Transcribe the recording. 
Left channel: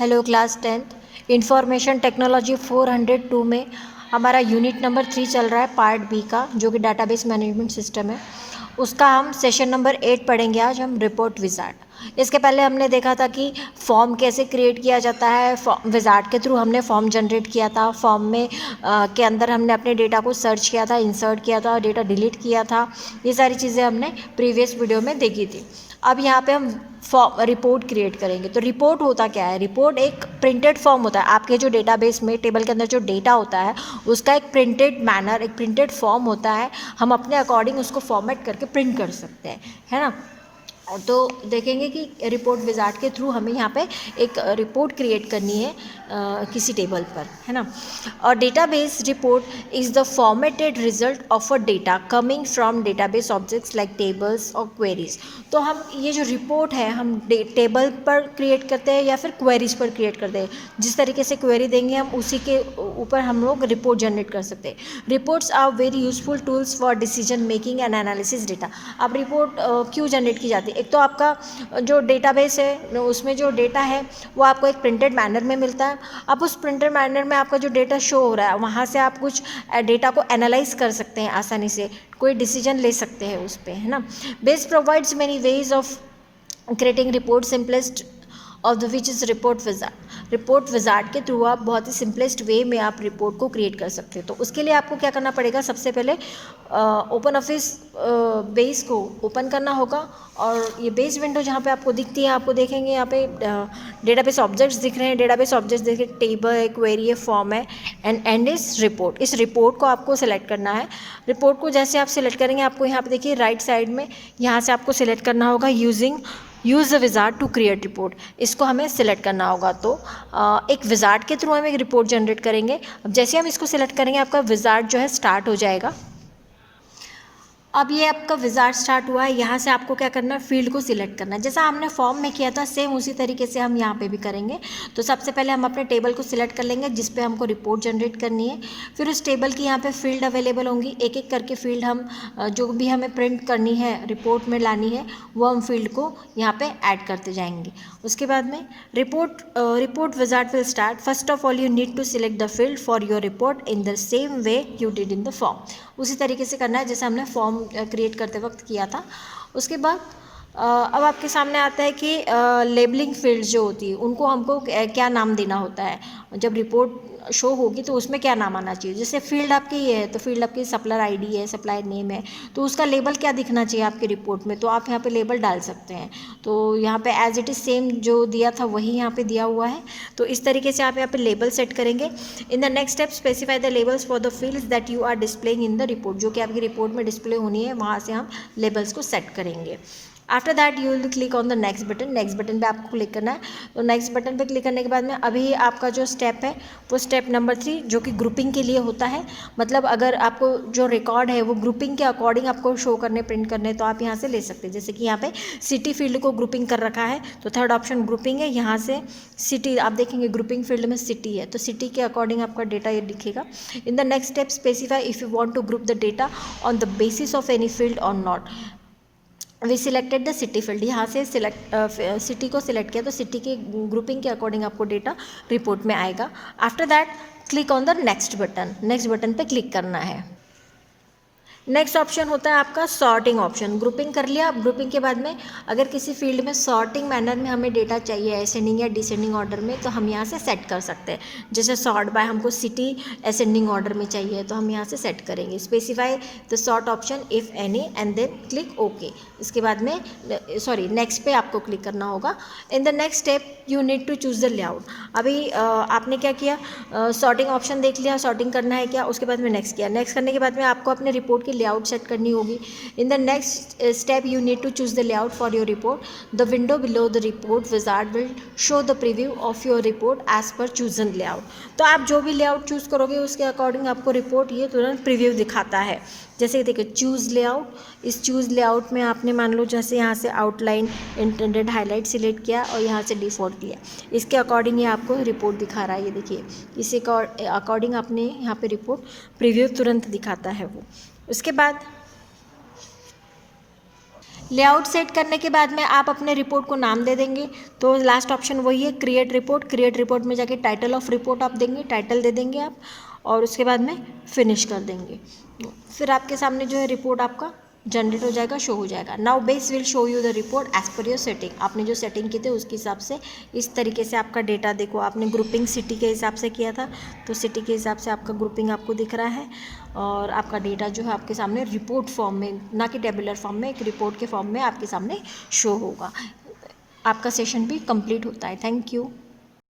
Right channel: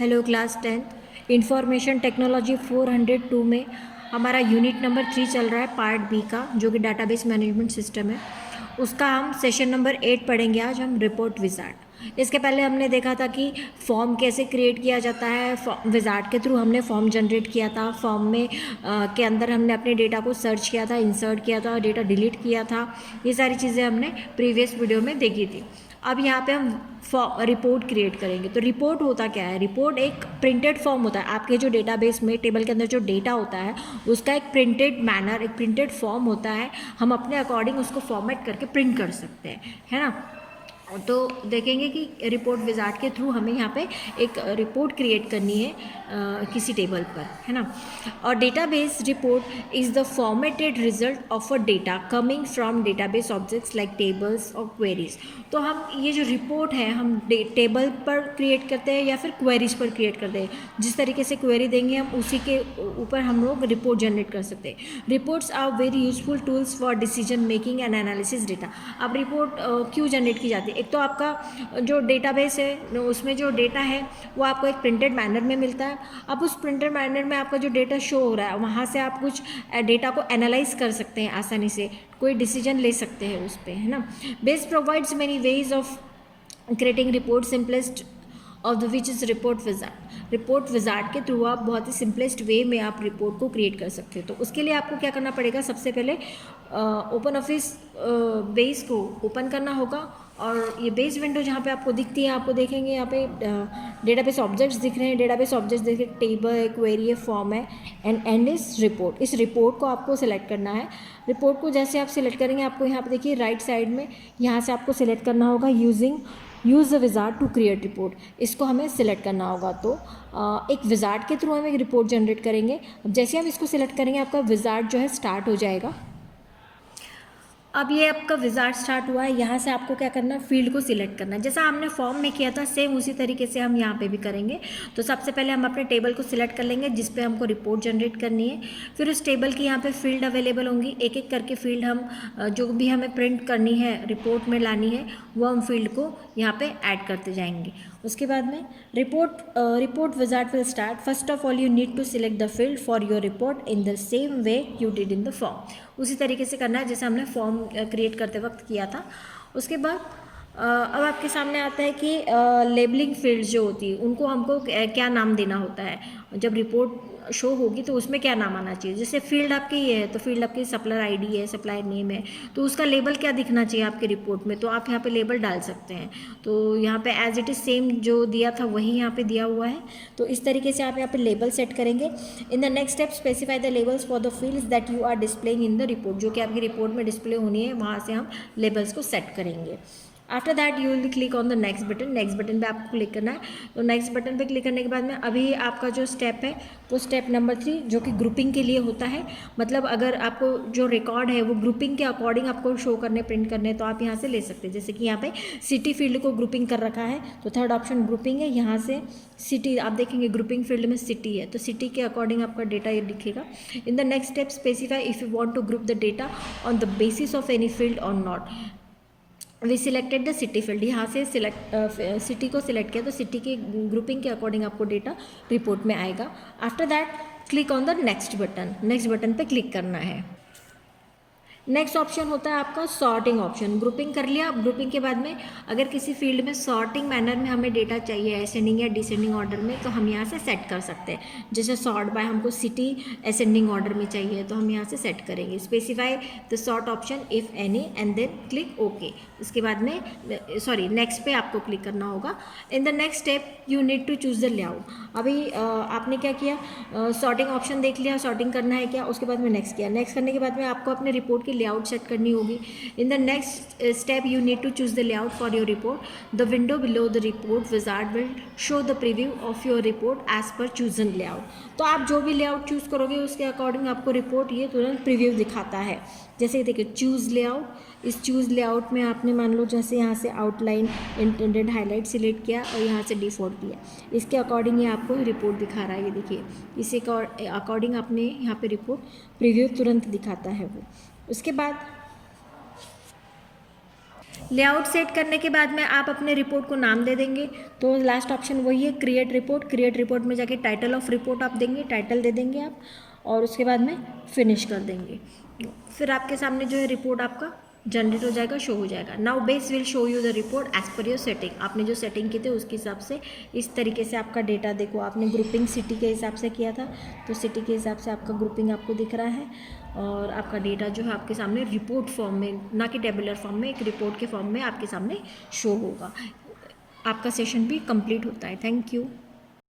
Hello class 10th information technology 402 में हमारा unit number 3 चल रहा है पार्ट बी का, जो कि डाटाबेस मैनेजमेंट सिस्टम है। उसका हम सेशन नंबर 8 पढ़ेंगे आज हम रिपोर्ट विजार्ड। इसके पहले हमने देखा था कि फॉर्म कैसे क्रिएट किया जाता है। विजार्ड के थ्रू हमने फॉर्म जनरेट किया था। फॉर्म में के अंदर हमने अपने डेटा को सर्च किया था, इंसर्ट किया था, डेटा डिलीट किया था। ये सारी चीज़ें हमने प्रीवियस वीडियो में देखी थी। अब यहाँ पे हम रिपोर्ट क्रिएट करेंगे। तो रिपोर्ट होता क्या है? रिपोर्ट एक प्रिंटेड फॉर्म होता है। आपके जो डेटाबेस में टेबल के अंदर जो डेटा होता है उसका एक प्रिंटेड मैनर, एक प्रिंटेड फॉर्म होता है। हम अपने अकॉर्डिंग उसको फॉर्मेट करके प्रिंट कर सकते हैं, है ना। तो देखेंगे कि रिपोर्ट विजार्ड के थ्रू हमें यहाँ पे एक रिपोर्ट क्रिएट करनी है किसी टेबल पर, है ना। और database report is the formatted result of a data coming from database objects like tables और क्वेरीज। तो हम ये जो रिपोर्ट है हम टेबल पर क्रिएट करते हैं या फिर क्वेरीज पर क्रिएट करते हैं। जिस तरीके से क्वेरी देंगे हम उसी के ऊपर हम लोग रिपोर्ट जनरेट कर सकते हैं। Reports are very useful tools for decision making and analysis data. अब रिपोर्ट क्यों जनरेट की जाती है? एक तो आपका जो डेटाबेस है उसमें जो डेटा है वो आपको एक प्रिंटेड मैनर में मिलता है। अब उस प्रिंटेड मैनर में आपका जो डेटा शो हो रहा है वहाँ से आप कुछ डेटा को एनालाइज कर सकते हैं, आसानी से कोई डिसीजन ले सकते हैं उस पर, है ना। Base provides many ways of creating report. Simplest of the which is report wizard. Report wizard के थ्रू आप बहुत ही सिंपलेस्ट वे में आप रिपोर्ट को क्रिएट कर सकते हो। तो उसके लिए आपको क्या करना पड़ेगा? सबसे पहले ओपन ऑफिस बेस को ओपन करना होगा। और ये बेस विंडो जहाँ पे आपको दिखती है, आपको देखेंगे यहाँ पे डेटाबेस ऑब्जेक्ट्स दिख रहे हैं। डेटाबेस ऑब्जेक्ट्स देखिए, टेबल है, क्वेरी है, फॉर्म है, एंड इस रिपोर्ट। इस रिपोर्ट को आपको सिलेक्ट करना है। रिपोर्ट को जैसे आप सिलेक्ट करेंगे आपको यहाँ पे देखिए राइट साइड में यहाँ से आपको सिलेक्ट करना होगा use a wizard to create report. इसको हमें सिलेक्ट करना होगा। तो एक विजार्ड के थ्रू हम एक रिपोर्ट जनरेट करेंगे। अब जैसे हम इसको सिलेक्ट करेंगे आपका विजार्ड जो है स्टार्ट हो जाएगा। अब ये आपका विजार्ड स्टार्ट हुआ है। यहाँ से आपको क्या करना है? फील्ड को सिलेक्ट करना है। जैसा हमने फॉर्म में किया था सेम उसी तरीके से हम यहाँ पे भी करेंगे। तो सबसे पहले हम अपने टेबल को सिलेक्ट कर लेंगे जिस पे हमको रिपोर्ट जनरेट करनी है। फिर उस टेबल की यहाँ पे फील्ड अवेलेबल होंगी। एक एक करके फील्ड हम जो भी हमें प्रिंट करनी है, रिपोर्ट में लानी है, वो हम फील्ड को यहाँ पर ऐड करते जाएंगे। उसके बाद में report wizard will start. First of all you need to select the field for your report in the same way you did in the form. उसी तरीके से करना है जैसे हमने फॉर्म क्रिएट करते वक्त किया था। उसके बाद अब आपके सामने आता है कि लेबलिंग फील्ड्स जो होती है उनको हमको क्या नाम देना होता है। जब रिपोर्ट शो होगी तो उसमें क्या नाम आना चाहिए। जैसे फील्ड आपकी ये है तो फील्ड आपकी सप्लायर आईडी है, सप्लायर नेम है, तो उसका लेबल क्या दिखना चाहिए आपके रिपोर्ट में, तो आप यहाँ पे लेबल डाल सकते हैं। तो यहाँ पे एज इट इज़ सेम जो दिया था वही यहाँ पे दिया हुआ है। तो इस तरीके से आप यहाँ पे लेबल सेट करेंगे। In the next step specify the labels for the fields that you are displaying in the report. जो कि आपकी रिपोर्ट में डिस्प्ले होनी है वहाँ से हम लेबल्स को सेट करेंगे। After that you will click on the next button. Next button पे आपको क्लिक करना है। तो नेक्स्ट बटन पे क्लिक करने के बाद में अभी आपका जो स्टेप है वो स्टेप नंबर 3 जो कि ग्रुपिंग के लिए होता है। मतलब अगर आपको जो रिकॉर्ड है वो ग्रुपिंग के अकॉर्डिंग आपको शो करने, प्रिंट करने, तो आप यहाँ से ले सकते हैं। जैसे कि यहाँ पे सिटी फील्ड को ग्रुपिंग कर रखा है तो थर्ड ऑप्शन ग्रुपिंग है। यहाँ से सिटी आप देखेंगे ग्रुपिंग फील्ड में सिटी है तो सिटी के अकॉर्डिंग आपका डेटा ये दिखेगा। In the next step specify if you want to group the data on the basis of any field or not. We selected the city field. यहाँ से city को सिलेक्ट किया तो सिटी के ग्रुपिंग के अकॉर्डिंग आपको डेटा रिपोर्ट में आएगा। After that click on the next button. Next button पे क्लिक करना है। नेक्स्ट ऑप्शन होता है आपका सॉर्टिंग ऑप्शन। ग्रुपिंग कर लिया। ग्रुपिंग के बाद में अगर किसी फील्ड में सॉर्टिंग मैनर में हमें डेटा चाहिए असेंडिंग या डिसेंडिंग ऑर्डर में तो हम यहाँ से सेट कर सकते हैं। जैसे सॉर्ट बाय हमको सिटी असेंडिंग ऑर्डर में चाहिए तो हम यहाँ से सेट करेंगे। Specify the sort option if any and then click okay. इसके बाद में नेक्स्ट पे आपको क्लिक करना होगा। In the next step you need to choose the layout. अभी आपने क्या किया? सॉर्टिंग ऑप्शन देख लिया, सॉर्टिंग करना है क्या, उसके बाद में नेक्स्ट किया। नेक्स्ट करने के बाद में आपको अपने रिपोर्ट की लेआउट सेट करनी होगी। In the next step you need to choose the layout for your report. The window below the report wizard will show the preview of your report as per chosen layout. तो आप जो भी layout choose करोगे उसके according आपको report ये तुरंत preview दिखाता है। जैसे देखिए चूज़ लेआउट। इस चूज़ लेआउट में आपने मान लो जैसे यहाँ से आउटलाइन, इंटेंडेड हाईलाइट सिलेक्ट किया और यहाँ से डिफ़ॉल्ट दिया, इसके अकॉर्डिंग ये आपको रिपोर्ट दिखा रहा है। ये देखिए इसी अकॉर्डिंग अपने यहाँ पे रिपोर्ट प्रीव्यू तुरंत दिखाता है वो। उसके बाद लेआउट सेट करने के बाद में आप अपने रिपोर्ट को नाम दे देंगे। तो लास्ट ऑप्शन वही है, क्रिएट रिपोर्ट। क्रिएट रिपोर्ट में जाके टाइटल ऑफ रिपोर्ट आप देंगे, टाइटल दे देंगे आप, और उसके बाद में फिनिश कर देंगे। फिर आपके सामने जो है रिपोर्ट आपका जनरेट हो जाएगा, शो हो जाएगा। Now Base will show you the report as per your setting. आपने जो सेटिंग की थी उसके हिसाब से इस तरीके से आपका डेटा देखो, आपने ग्रुपिंग सिटी के हिसाब से किया था, तो सिटी के हिसाब से आपका ग्रुपिंग आपको दिख रहा है, और आपका डेटा जो है आपके सामने रिपोर्ट फॉर्म में, ना कि टेबुलर फॉर्म में, एक रिपोर्ट के फॉर्म में आपके सामने शो होगा। आपका सेशन भी कंप्लीट होता है। Thank you.